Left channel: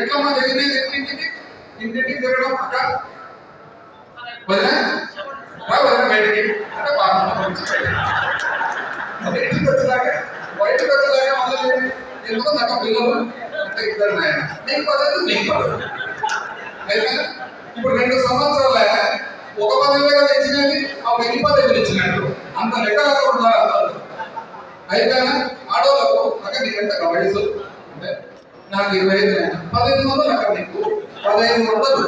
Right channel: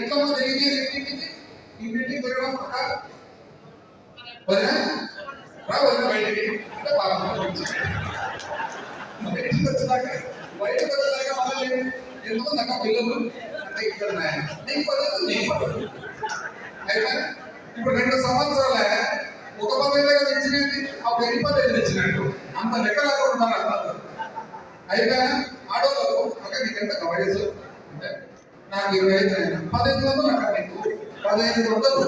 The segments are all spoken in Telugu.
ఎట్లమ్మా జరిగినది ఇంటింటికి తిరగడం అక్క వదినా రా వదిన బయటికి అంటే బయటకు వచ్చేలాగా మళ్ళీ ఎందుకు నాకు పిల్లలు అంటే ఇద్దరు నాయన నీకు పదలేదు నీకు పదలేదు అయితే ఇప్పుడు 2 సంవత్సరాల ఒక పదవి కదా ఇచ్చినది ఆ 10 పదవులు ఇచ్చినట్టు అంత లెక్క లేకుంటున్నారు అందరూ. అయితే ఆడవాళ్ళకు అక్కడ నీకు ఎంత వయసు అంటే నాకు 25 1500 అక్కడ నీకు 1500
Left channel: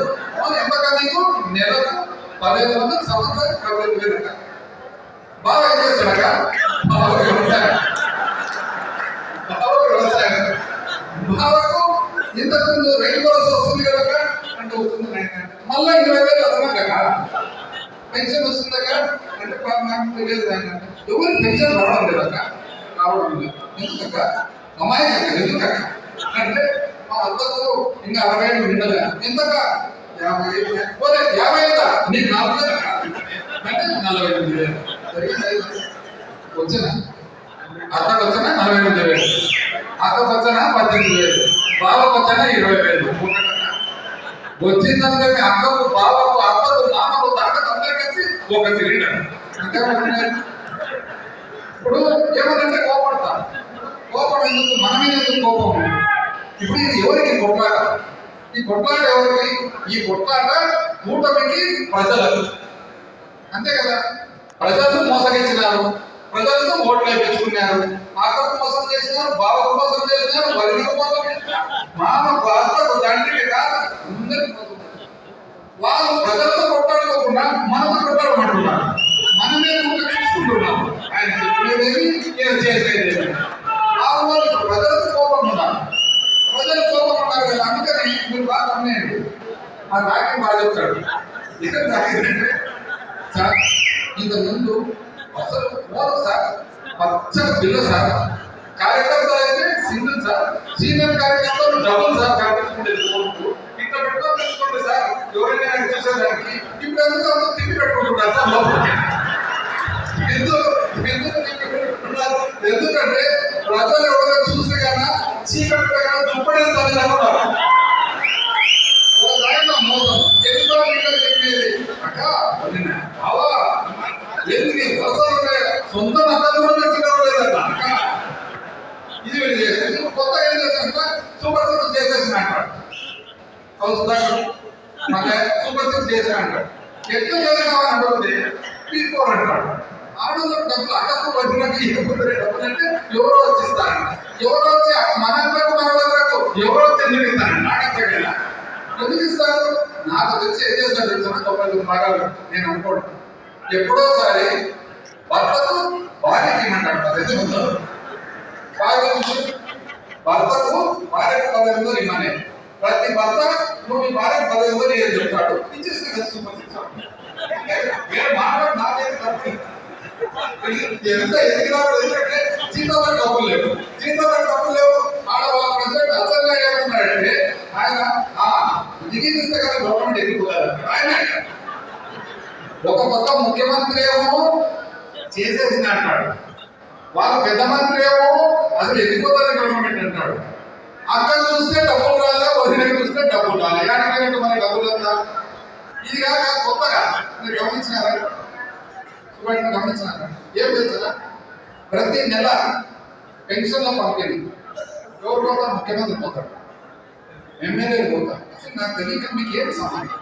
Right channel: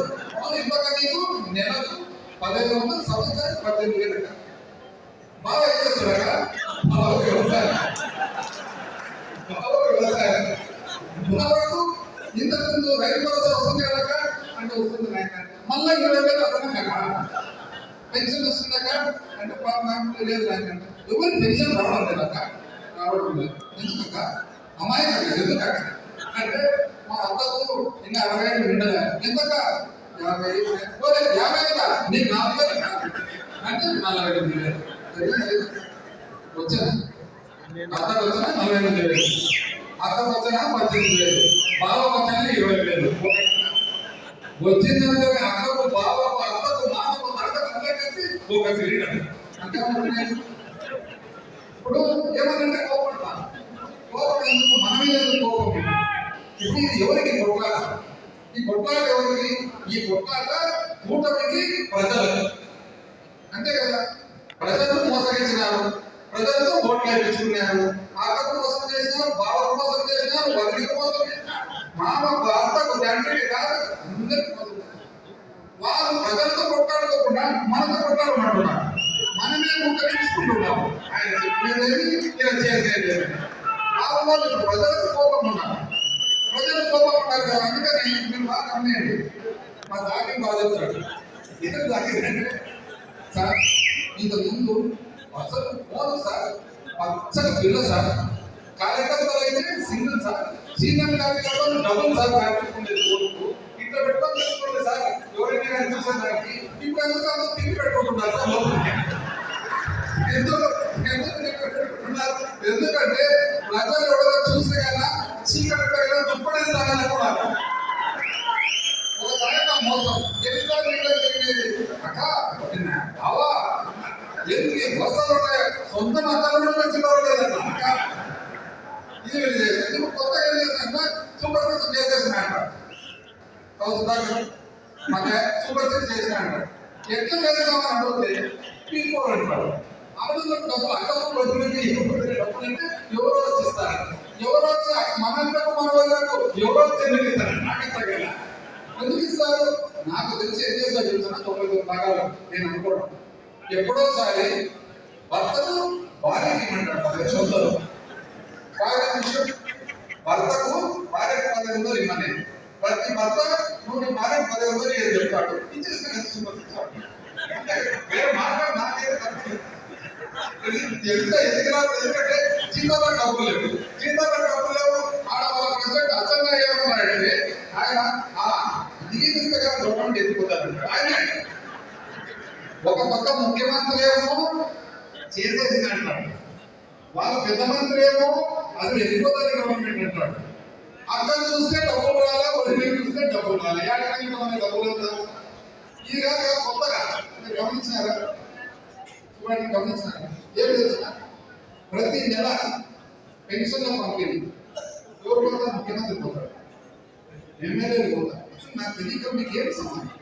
ఎంత నీకు నెలకు 1500 సంవత్సరం 15,000 అక్క బాగా ఏం చేస్తాడక వ్యవసాయం బావకు ఇంతకుముందు రైతు భరోసా వస్తుంది కదక్క అంటే వస్తుంది మళ్ళీ 20,000 అదనం కదా పెన్షన్ వస్తుందక్క అంటే నాకు తెలియదు దాన్ని ఎవరు పెన్షన్ రావడం లేదక్క రావడం లేదు ఎందుకక్క అమ్మాయి అక్క ఎందుకక్క అంటే మా అత్తకు ఇంకా 60 నిండగా ఎంతక 50 పోతే 50 నీకు 40 అంటే 48,000 వచ్చినా అత్తకు వచ్చినా 48,000 అత్తకు వచ్చినా 18,000 బావకు వచ్చినా 20,000 వచ్చిందంటే అక్కకు బావకు అత్తకు మామకు తాతకు అందరూ కలిసి ఒక సిలిండర్ అంటే ఇప్పుడు ఏమనంటే కోపడతా కోపం ఎందుకు మనమే ఎందుకు కోపం ఇప్పుడు ఇది ఎవరికి కొట్లాట ఈ కొట్లాట ఎవరికి ఈ కొట్లాట కూటమికి ప్రజలకు అంతే కదా ప్రజలు మోసగించినారు ప్రజలతో ఓట్లు వేయించుకున్నారు అక్కకు మోసం చేసినారు బావకు మోసం చేసినారు వదినకు మోసం చేసినారు మామ భర్తకు తండ్రికి కాదు అందరికి మోసం వాళ్ళు ప్రజలతో కొట్టాడుకోకుండా మనతో కొట్టాడమంటున్నారు మనమే ముందు చూసుకుంటున్నాము ఆయన చెప్పేదేమి ఈయన చేసేదేమి వాళ్ళు ప్రజలకు కోపం ఉన్నారు ప్రజలు కోపం ఉన్నారు కదా అందుకని మీరు బాగా అమ్మేయండి ఆ రాకి బాగా చెప్తాడు ఇక్కడ తాగిందంటే సార్ ఇంతకుముందు అసలు ఫోన్ సార్ పచ్చని పిల్ల సార్ కార్యకర్తలు అయితే సింగిల్ సార్ సీనియర్ కార్యకర్తలు డబుల్ సార్ కార్యకర్తలు ఇట్లా పెట్టుకోండి సార్ ఎవరైనా చూసేదానికి ఇప్పుడు ఎందుకు అందరూ తిప్పి పెట్టుకుంటున్నారు సార్ లోపలికి ఎందుకు తిప్పి పెట్టుకుంటున్నారు ఎందుకంటే ప్రజలు ఎవరైనా చూస్తే కన్నా చీకటి కన్నా దుప్పడేస్తారని అనుకున్నారు ఒక దాంట్లో మోసం ఎందుకో మీకు చెప్పేది అక్క అవా ఎందుకు వలసలు సొంత మతాలు కూడా చిన్నలేదన్న అక్క ఇది వీళ్ళు చేసేది కొత్త ఏం చేశాక సూపర్ సిక్స్ చేసేసిన అంటాడు సూపర్ సిక్స్ చేసిన అంటాడు ఎట్లా చదువుతామని అడిగితే తీసుకోని అంటాడు ఆడోళ్ళకి డబ్బులు అక్కకు వచ్చినట్టు ఇవ్వకపోతే డబ్బులు అంటే ఎవరో వచ్చిస్తారు ఎవరో వచ్చి మనందరకు మన వాళ్ళకు ఎవరో వచ్చి ఎందుకు ఇస్తారండి నాకు అర్థం కదా ఎందుకు ఇస్తారు నాకు తెలిసి ఏం చేస్తారు తెలుసు 99 భాగాలు నేను అనుకోవడం ఎప్పుడోసారి భర్తకు భార్యకి ఇమ్మంటాడు 15,000 భర్తకు భార్యకు 15,000 ఇమ్మనే ప్రతి భర్త నువ్వు నీ భార్యకు 15,000 ఏం చెప్తాడు ఇచ్చేస్తే కదా సూపర్ సిక్స్ వేరే మాట్లాడు నాకైతే తప్పు ఎంత ఎదిగినాడు ఎందుకంటే జీతాలకు డబ్బులు లేవు ఆడవాళ్ళ ప్రెసిడెంట్ అసలు ఏమన్నాడంటే ఆయన దిగిస్తే కదా గవర్నమెంట్ ఎదిగిపోతారు ఆయన ఒక పక్క ముఖ్యమంత్రి ఏమో చేసేసింది అంటాడు వాళ్ళ పెద్ద మంత్రి ఏమో అసలు ఎదిగిపోతుంది గవర్నమెంట్ అంటాడు అక్కడ చూస్తే డబ్బులు రాలే వదిలికి చూస్తే డబ్బులు రాలే ఏడాది మన డబ్బులు వద్దా ఇది కాక కొత్తగా మీరు గమనించినారా గమనించినారా ఏం తెలుసా ప్రతి నెల పెన్షన్లో పంపిణీ ఎవరు పోతారు ముఖ్యమంత్రి పోతాడు ఎమ్మెల్యేలు పోతారు నాకు తెలియక మీకు ఏం సంబంధం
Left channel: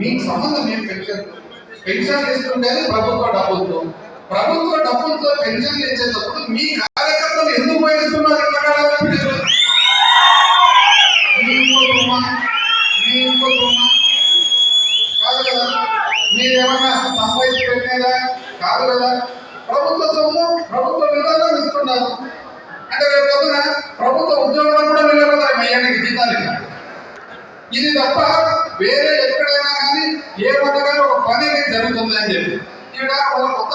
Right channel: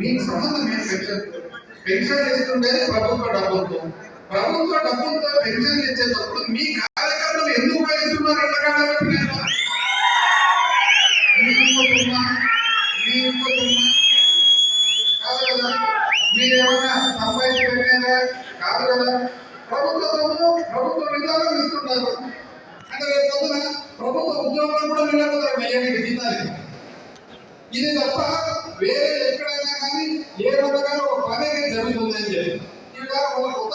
మీకు సంబంధం ఏం పెన్షన్ ఇస్తుండేది ప్రభుత్వ డబ్బులతో పెన్షన్ ఇచ్చేటప్పుడు మీ కార్యకర్తలు ఎందుకు ఉపయోగిస్తున్నారు కాదు కదా మీరేమన్నా సంపాదించి పెట్టారా కాదు కదా ప్రభుత్వ సొమ్ము ప్రభుత్వ విధానం ఇస్తున్నారు అంటే రేపు పొద్దున ప్రభుత్వ ఉద్యోగంలో కూడా వెళ్ళిపోతారు మయ్యానికి జీతాలు ఇది తప్ప వేరే ఎక్కడైనా కానీ ఏ పథకాలు ఒక పని అనేది జరుగుతుంది అని చెప్పి ఇక్కడ మన కొత్త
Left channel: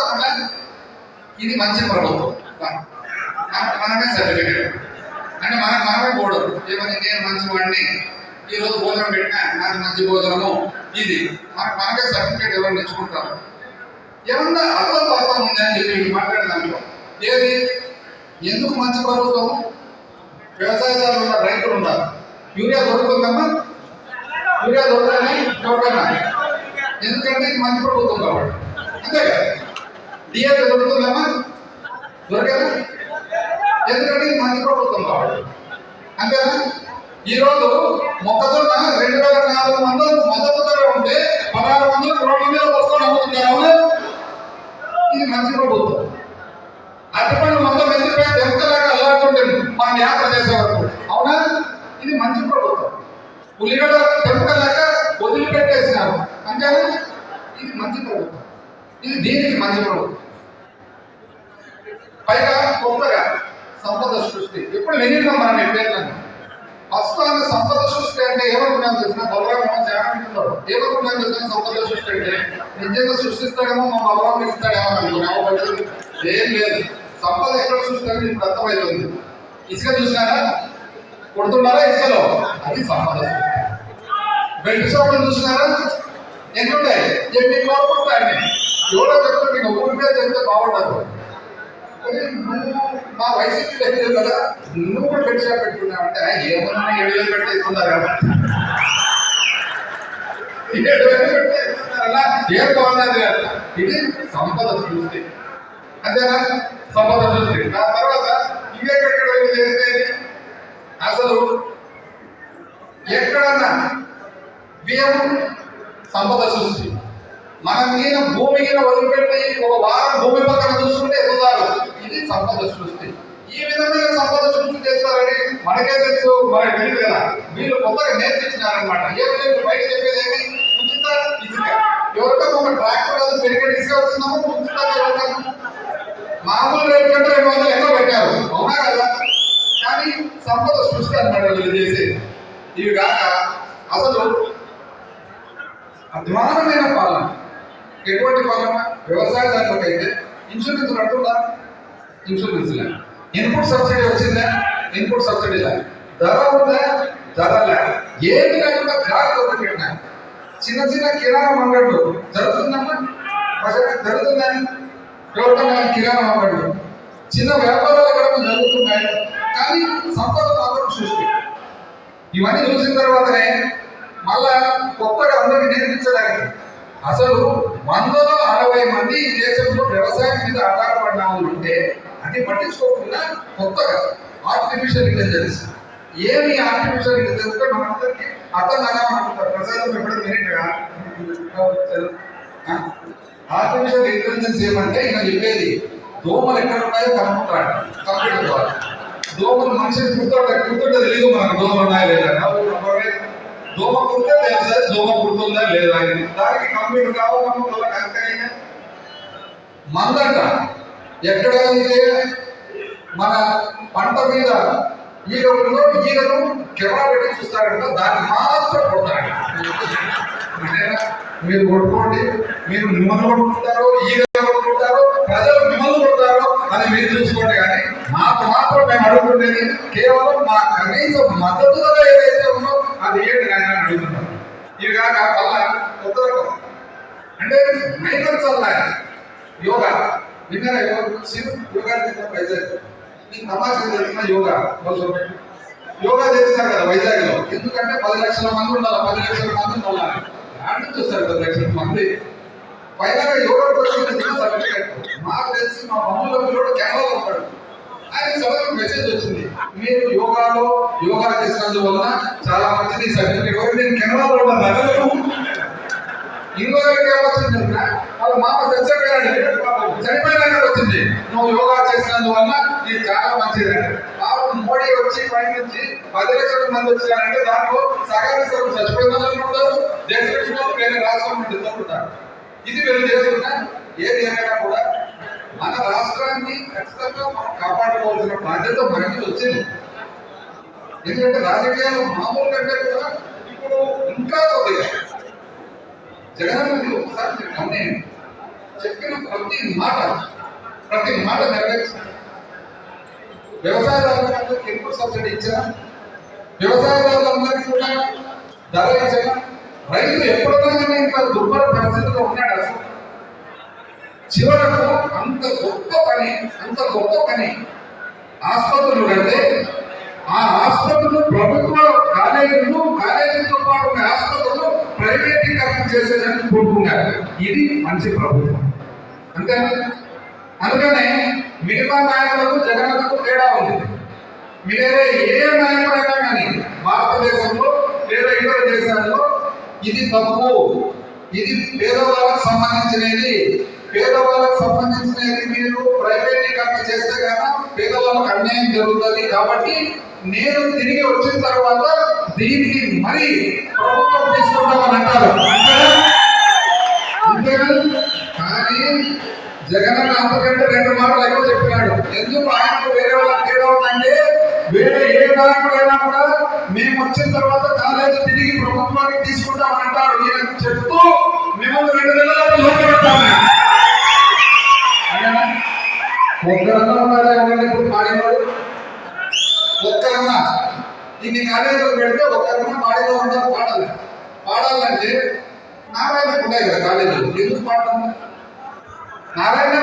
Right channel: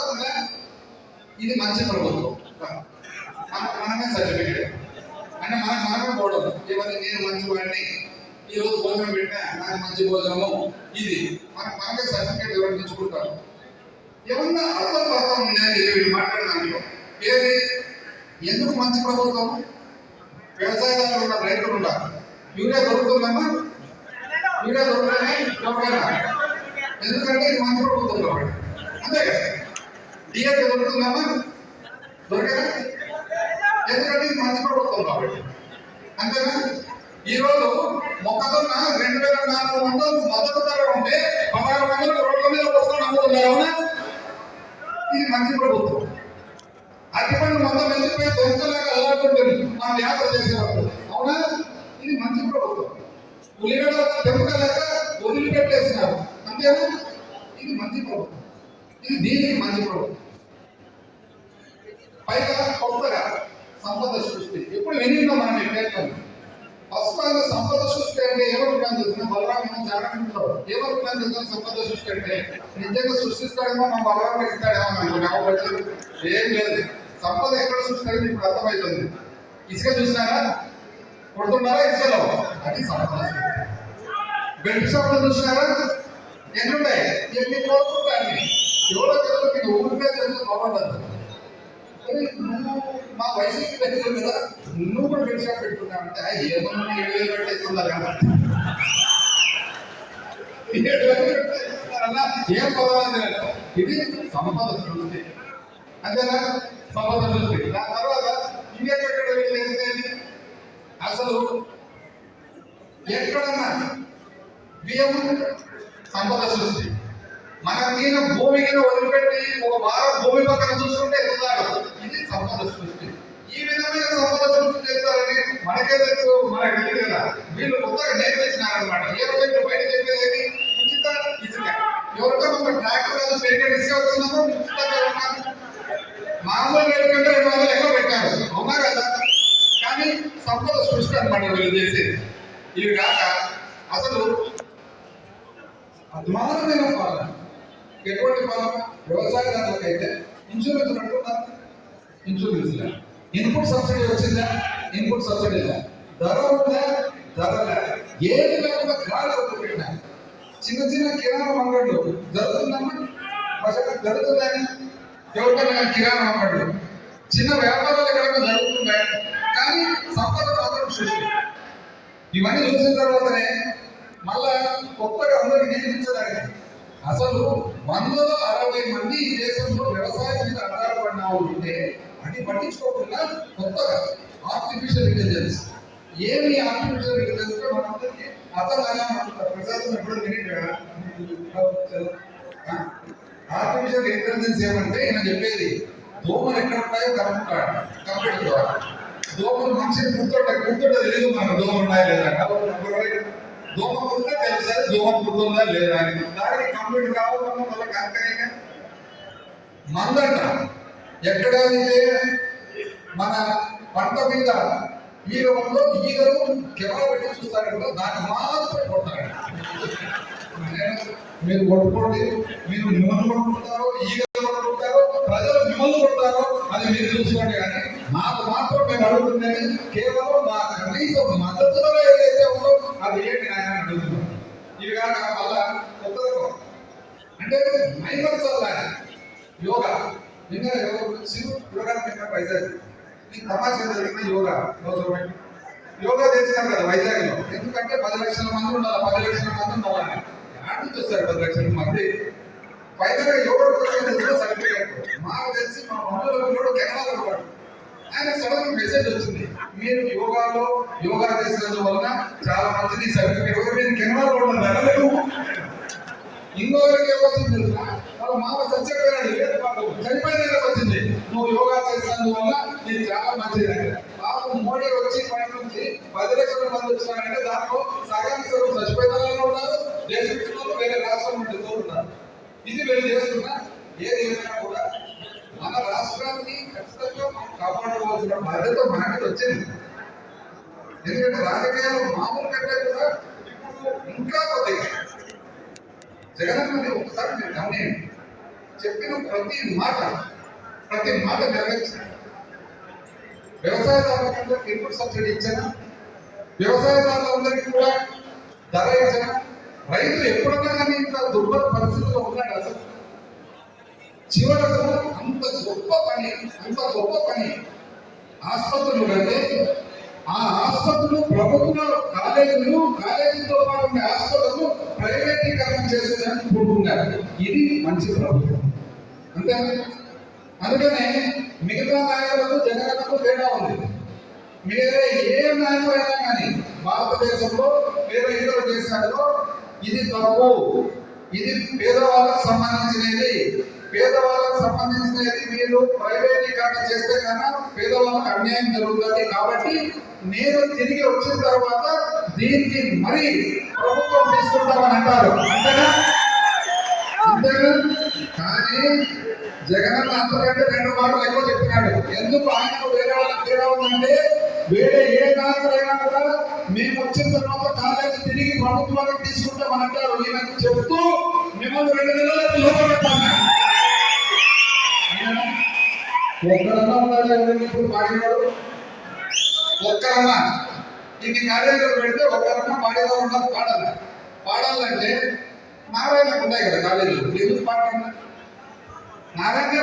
ఇది మంచి ప్రభుత్వం మనమే సర్టిఫికేట్ అంటే మనమే కూడదు ఏమని నేను మంచి వాడిని ఈరోజు భోజనం పెట్టినా నాకు మంచి భోజనము ఇది మనమే సర్టిఫికేట్ ఎవరు తెచ్చుకుంటారు ఏమన్నా అర్థం ఉంది అని చెప్పి మాట్లాడదాంట్లో ఏది ఎందుకు మంచి ప్రభుత్వం వ్యవసాయదారులు ఉన్న రైతులు ఉన్నారు యూరియా దొరుకుతుందమ్మా? యూరియా దొరకదని ఎవరికైనా, ఎందుకంటే ఇది మంచి ప్రభుత్వం కాబట్టి, అంతే కదా. డిఎస్పీ దొరుకుతుందమ్మా? దొరకదా? ఎందుకంటే ఇది మంచి ప్రభుత్వం కాబట్టి, అంతేనా. ఈరోజు మొక్కజొన్న 2400 మద్దతు ధర ఉంటే 1600 రోడ్ల మీద వస్తువులు అమ్ముతున్నారు, అవునా? ఇది మంచి ప్రభుత్వం. అరటిపండ్లు మొత్తం మెచ్చిపోయి దెంకలాగా అల్లాడుతుంటుంది మనం యాత్ర చేసే వరకు, అవునా? ఇది మంచి ప్రభుత్వం. ఉల్లిగడ్డ దెంకలాగా వదిలిపెట్టేసినారు, అంతేనా? ఇది మంచి ప్రభుత్వం. ఇది దీనికి మంచి ప్రభుత్వం. పైగా కొత్తగా సంపద సృష్టి ఎప్పుడు వినిద్దాం మనం ఎప్పుడైనా. ఫస్ట్ ఆమె సంపద సృష్టి అంటే ఏమనుకున్నాను తెలిసిన బలరామేమో చాలా వింటున్నాడు. ఏమనుకున్నాను తెలిసిన సంపద సృష్టి అంటే నిజంగా సృష్టిస్తాడేమో మా బలరాము ఇస్తాడేమో అనుకున్నాము. వచ్చింది ఏం లేదు. సంపద ఎక్కడ సృష్టించాలని ఇప్పుడు అర్థమవుతుంది. ఇసుక చూసినారా? కొడుతున్నారా ఇసుకలో? అది సంపద సృష్టి. బెల్ట్ షాపులు చూసినారా? ఎన్నుంటాయి? ఎన్ని కోరుకుంటాయి? ఎవరో చెప్తే మీకు ఊరికే చెప్తే బాగుంటారు. నువ్వు మా వయసుకి తెలియదు కదా, నువ్వు కూడా బెల్ట్ షాప్ పెట్టుకున్నావు అంటే ఏమన్నా 7,000 పెట్టేస్తున్నారు కదా, 7,000 పెట్టేస్తున్నారన్నా ఏం బాగున్నది కదా. ఇది సంపద సృష్టి, అంతేనా? సంపద సృష్టి. దాని తర్వాత ఇంకెక్కడ చేస్తే అసలు ఎక్కడన్నా బియ్యం సంపద సృష్టి. మన మీద భూమి మీద వదిలిపెట్టి ఒక వారం భూమి పక్కన చూసుకుంటే ఎదుగుతారు. ఇది సంపద సృష్టి. ఈ విధమైన సంపద సృష్టి చేస్తారని మనకే తెలుసు, మనకు తెలియదు కదా. వీళ్ళు కొత్తగా నేర్పించినారనమాట. ఏమైనా బయట చెప్పేది ఏమి? ఉచిత ఇసుక. ఎవరికో ఒక ట్రాక్టర్ కాదు పెరిగే ఇసుక వచ్చిందామో ఉచిత మామూలు రేటు కంటే 200 ఎక్కువ పెట్టారు, అవునా కదా. కానీ సంపద సృష్టి అనమాట వీళ్ళు చేసేది. ఇవి కాక అసలు అధ్వానమైన పాలన. ఎటువంటి పాలన? వ్యవసాయదారులకు అయితే ఇన్సూరెన్స్ కట్టున్నా, ఇన్సూరెన్స్ లే. ఇన్పుట్ సబ్సిడీ వచ్చిందా? ఇన్పుట్ సబ్సిడీ లే. ధర ఉందా? ధర లే. ఏమి లేకుండా గాలి వదిలిపెట్టినా. చిన్న చిన్న కిరాణా అంగళ్ళు జరుగుతుందమ్మా, జరుగుతుందా? ఎవరికన్నా కిరాణా అంగళ్ళు చిన్న వ్యాపారాలు ఎక్కడ జరుగుతున్నాయి. కానీ సంపద మాత్రం సృష్టి. ఇవన్నీ చూసిన తర్వాతనే మళ్ళా కొత్తగా అందరికి నేర్పించడానికి అసలు 160 మంది ఈ దేశంలో వ్యవసాయం మీద ఆధారపడిన వాళ్ళు ఉంటే అది పట్టించుకోకుండా కొత్తగా ఆర్టిఫిషియల్ ఇంటెలిజెన్స్. ఏమి ఆర్టిఫిషియల్ ఇంటెలిజెన్స్ అంటే మనందరికీ అర్థం కదా. ప్రసాదం ఎప్పుడు మినిట్గా ఆర్టిఫిషియల్ ఇంటెలిజెన్స్ ఏమంటే ఈయన చెప్పేది దోమలు ఎక్కడ ఉన్నాయో కనుక్కుంటాడు కంప్యూటర్ ద్వారా. దోమలు మనిషిని గుర్తుంటే తెలియదు మనకు దోమలు ఉన్నాయా లేదా. దోమ కుడితే తెలుసా దోమ కుడుతుందా లేదా అని. దానికి కంప్యూటర్ కావాలన్నా వల్ల కరెక్ట్గా మందంట ఎక్కడ మన పంట మీద ఈగలలో ఈగలు కెమెరా పెట్టి చూస్తారంట, దాన్ని మాత్రం కొడతారంట. మీరు కొట్టుకోండి, మీరు మిమ్మల్ని కొట్టుకుంటారో ఈగలు కొట్టుకుంటారో ప్రజలు మిమ్మల్ని కొడతారో అది మీరు చూసుకోండి. కానీ మాకు మాత్రం మేము అడుగుతుండేది కేవలం మా కనీస మద్దతుగా ఏదైతే ఉందో అది ఏంటి ఆయన అడుగుతున్నాం. ఇవి కాక వల్ల కొత్త రకం అంటే మైనర్ చల్లా యోగా విన్నారా? యోగా తిన్న వైజాగ్ నీకు తమాషా తెలిసిన యోగా యోగా చేస్తున్నారు కదా వైజాగ్లో. ఎందుకంటే 10 లక్షల మంది ఉండాలి, 10 లక్షల మంది మళ్ళా యాడ్ నుంచి వస్తారు 10 లక్షల మంది. పైన యోగా వచ్చిన సర్టిఫికేట్ మాకు తెలిసి మా మమ్మల్ని పిల్లడు కెనడాలో ఉంటాడు. ఆయన సడన్ మెసేజ్ వచ్చింది, మీరు యోగా చేసినందువలన చాలా మంచిది సర్టిఫికేట్. నేను కెనడాలో ఉన్నాను. ఇంకొకరికి ఏమొచ్చింది వాళ్ళ మామ చచ్చిపోయాడు, చనిపోయినాక వచ్చింది నువ్వు యోగా చేసినందువల్ల ఇది చాలా మంచిది అంటే. మోడీ వచ్చి పైన నుంచి 10 లక్షల మంది వచ్చారంటే దాంట్లో సగానికి చచ్చిపోయిన వాళ్ళు ఉంటారు, దేశంలో వేరే రాష్ట్రం నుండి ఉంటారు. ఇది వీళ్ళు చేసుకున్నా ఏది ఏమైనా కూడా మన రాష్ట్రాన్ని ఖచ్చితంగా మనం కాపాడుకోవాల్సిన బాధ్యత మనకి వచ్చింది. ఎందుకంటే రాజకీయాలు మామూలు కంటే కూడా ఇప్పుడు ఇంకా కొద్దిగా జగన్ ఒకసారి మీరు గమనించండి, చెప్పిన ప్రతి మాట నెరవేర్చారు. వ్యవసాయదారులందరికీ ఇన్పుట్ సబ్సిడీ ఇచ్చారా? వ్యవసాయదారులందరికీ కూడా ధర ఇచ్చారా? రైతు ఎప్పుడైనా కానీ ఇంత దుర్భర పరిస్థితుల్లో ఉన్నాడు. అసలు చివరకు అంత గొప్ప పని ఆసుపత్రులు కంటే ఆ ఆసుపత్రులు ప్రభుత్వ కాలేజీతో పాటు ఉన్న హాస్పిటల్ ప్రైవేటీకరణ చేసేదని కోరుకున్నారు. ఇది మంచి ప్రభుత్వం అంతేనా? అందుకనే మిగతా నాయకులకు జగన్కు తేడా ఉంది. మీరే ఏ నాయకుడైనా కానీ భారతదేశంలో లేదా ఇతర దేశాల్లో ఇది తప్పు, ఇది పేదవాళ్ళకు సంబంధించినది, పేదవాళ్ళకు సంబంధించినది మీరు ప్రైవేటీకరణ చేస్తే కనుక పేదవాళ్ళకు అన్యాయం జరుగుతుంది. కాబట్టి నేను తిరిగి వచ్చిన తర్వాత దీనికి మరి ప్రభుత్వం తీసుకుంటామని అంటారు. అంతేనా? కానీ జగన్ అంతకంటే 2 మాటలు ఎక్కువ చెప్పినాడు. ఎందుకు ఆయనకు వేరే వాళ్ళకి తేడా ఉందంటే, వేరే ఏ నాయకుడైనా కూడా మేము వచ్చిన తర్వాత కాలేజీ తిరిగి ప్రభుత్వానికి తీసుకుంటామని అంటారు. ఈయన చెప్తూ మిమ్మల్ని 2 నెలలకు లెక్క పెట్టాలి. ఒక్కరన్నా ఉన్నారా ఎవరన్నా ఇప్పుడు పాడేవాడు? ఒక్కరన్నా ఇన్ని కాలేజీలు పెడితే ఒక్కరన్నా పాడేదో ఉన్నారు. పాడాలంటే నారాయణకు ఉంటాయి కదా కాలేజీలు, ఎందుకు పాడటం? నారాయణ